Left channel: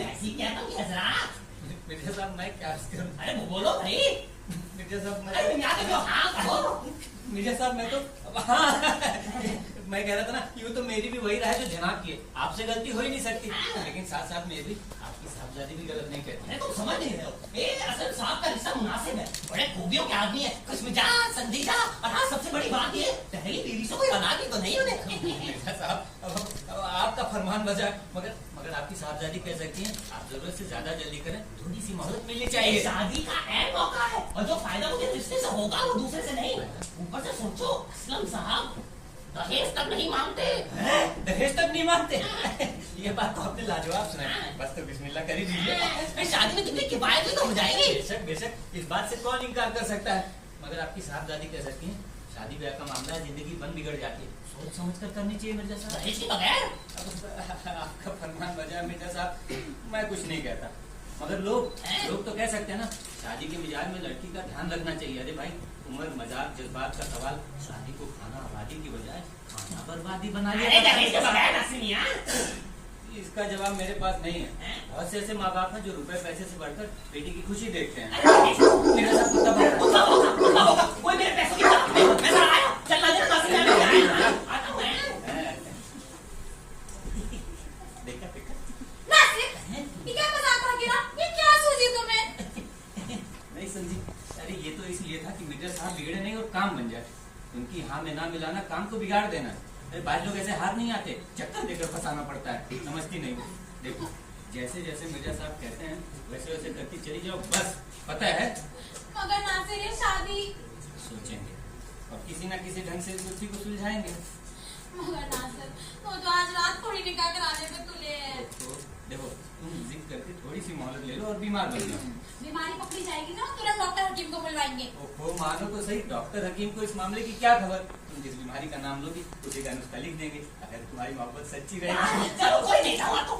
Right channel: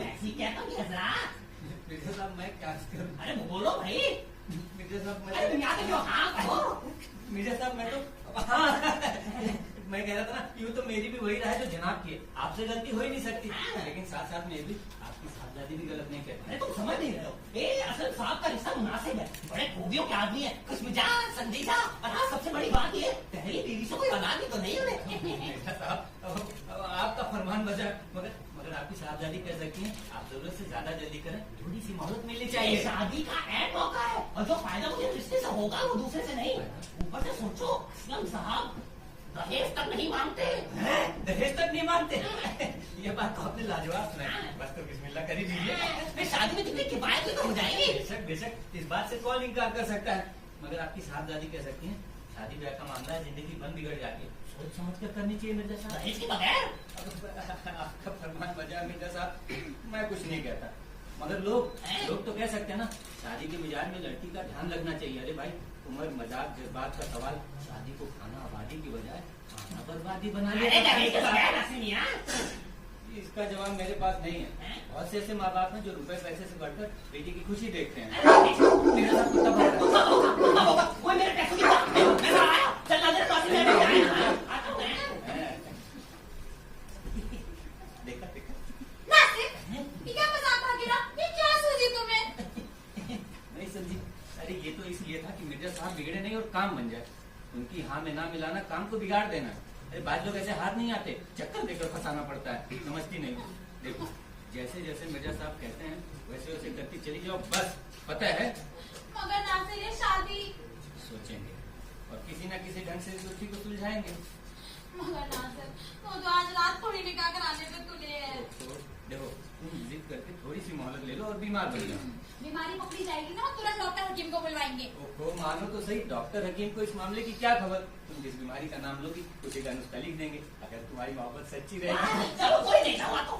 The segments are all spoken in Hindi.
ऐसी कहता हूँ हजरात। मिर्जा साहब मैं क्या करूं? अरे बोलो भाई। मिर्जा साहब अरे यहाँ पे जो हाँ कहो। मिर्जा साहब मैं तो हाँ मैं कह रहा था ना, यूँ तो मेरी भी वही राय जो जनाब की है, आपसे गलती हो ही नहीं सकती, लेकिन साथ साथ में भी आपकी साहबजादी भी गलत नहीं कहती। अरे तुम समझ नहीं रहे हो, ये असल साहब का रिश्ता मुनासिब है, बड़े खूबियों के आदमी है, इसमें जा संजीदा। और हाँ सबसे बड़ी बात ये पहली बीवी से कोई औलाद भी तो नहीं उन्हें। मिर्जा साहब अब आपका फरमान बजा, मगर आपकी साहबजादी कह सकती हैं आप जरूरत से ज्यादा जल्दी करें, थोड़ी सी मोहलत मिलनी चाहिए। शादी का अहम मौका है और जो फायदा मुझे रिश्ते से होगा वो दूसरे से नहीं। ऊपर से सोचो असलम साहब दहेज तक नहीं मांगते। दहेज तक नहीं मांगते? ये बात तो आपने लाजवाब सुनाई, बस तो बिस्मिल्लाह कर ही दीजिए। शादी में कितनी किफायत भी तो हो जाएगी। बेशक बेशक, इस बात से कौन इनकार कर सकता है, मगर आपकी साहबजादी कह सकती हैं शादी ब्याह का मामला है, जिंदगी बन बिगड़ जाती है, सोच समझ कर करनी चाहिए मिर्जा साहब। दहेज के बगैर अब आपका फरमान बजा मिर्जा साहब, मैं कुछ नहीं कहता, मगर लोग तो कह सकते हैं ना, शादी के मिजाज में लड़की का ध्यान रखना चाहिए। अरे भाई उम्र मजाक जज्बात का सवाल, शादी को खाना आबादी की बजाय खाना बर्बादी बना लिया। दहेज के बगैर नसीमिया। इसका जवाब मेरे पास नहीं है। बहुत से ऐसे माँ बाप हैं जो रुपए पैसे से बढ़कर बेटी की खुशी देखते हैं। मेरे साथ कुत्ता होगा, कोई मेरे पैसों की बात नहीं, मैं बाहर आया, चल ना जरा देखा देखा नासिर, ये क्या मजाक था गिरा? ये क्या सूझी तुम्हें? नहीं समझी? अरे ये तो इसलिए था कि मिर्जा साहब बिगड़े नहीं और काम बन जाए, उनकी हाँ में ना मिलाना काम को बिगाड़ देना। अरे बाद लोग ऐसे हाथ नहीं आते, चक्कर देकर फंसाना पड़ता है, समझती नहीं। देखो जैसे जैसे मिर्जा साहब कहते हैं वैसे वैसे करती चली जाओ, बस पता है। मगर नासिर ये शादी। सोचेंगे और किसी ना किसी ढंग से उसी को सुलझाएंगे। मगर नासिर वो तो आज रात थोड़ी निकाह कराने पे तुले है। तो देखो तुम जिद करके थोड़ी सी मोहलत ले लो और बीमार बन जाओ। बीमारी पकड़ी जाएगी ना, तुरंत डॉक्टर हकीम को बुलवाएंगे। ओहो मानो तो सही, डॉक्टर हकीम को इस मामले की क्या खबर? तुम जिस बीमारी का नाम लोगी उसी का नुस्खा लिख देंगे, अगर तुम्हारी मोहब्बत सच्ची रहेगी। चलो कोई नहीं था तो।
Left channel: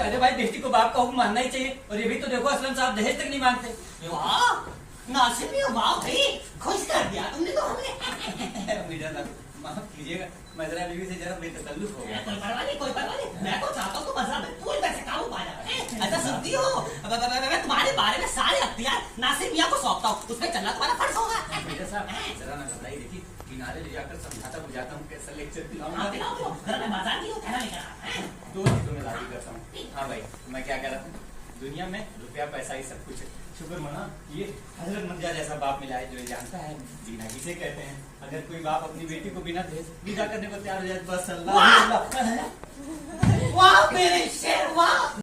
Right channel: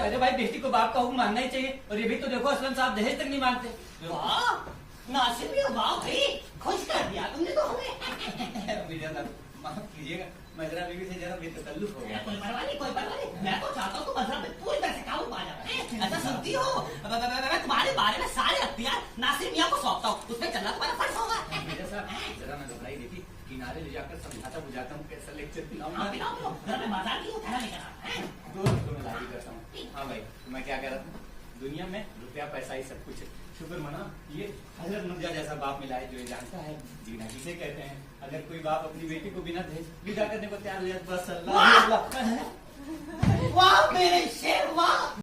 अरे भाई बेटी को बाप का हुक्म मानना ही चाहिए, और ये भी तो देखो असलम साहब दहेज तक नहीं मांगते। वाह नासिर भी वाह भाई, खुश कर दिया तुमने तो हमें। मिर्जा साहब माफ कीजिएगा, मजरा बीवी से जरा बेतकल्लुफ हो गया। कोई परवाह नहीं, कोई परवाह नहीं, मैं तो चाहता हूँ तुम मजरा में पूरी तरह से काबू पा जाए। ऐसा सुनती हो, मैं तुम्हारे बारे में सारे अख्तियार नासिर मियाँ को सौंपता हूँ, उसमें चलना तुम्हारा फर्ज होगा। मिर्जा साहब जरा ना घबराइए, देखिए किनारे ले जाकर समझाता बुझाता हूँ, कैसा लेक्चर हाँ, पिलाऊंगा। पिलाओ, जरा मैं बाजार की हूँ, कहना लेकर आ। दो चीजों में लागू करता हूँ। हाँ भाई मैं क्या कह रहा था, दुनिया में रुपया पैसा ही सब कुछ है, शुक्र मना ये हजरत मिर्जा जैसा बाप मिला है जो ये जानता है जीना किसे कहते हैं। अगर कोई बाप अपनी बेटी को बिना दहेज विदा करने को तैयार हो जाए, बस अल्लाह। वाह मेरे शेर वाह।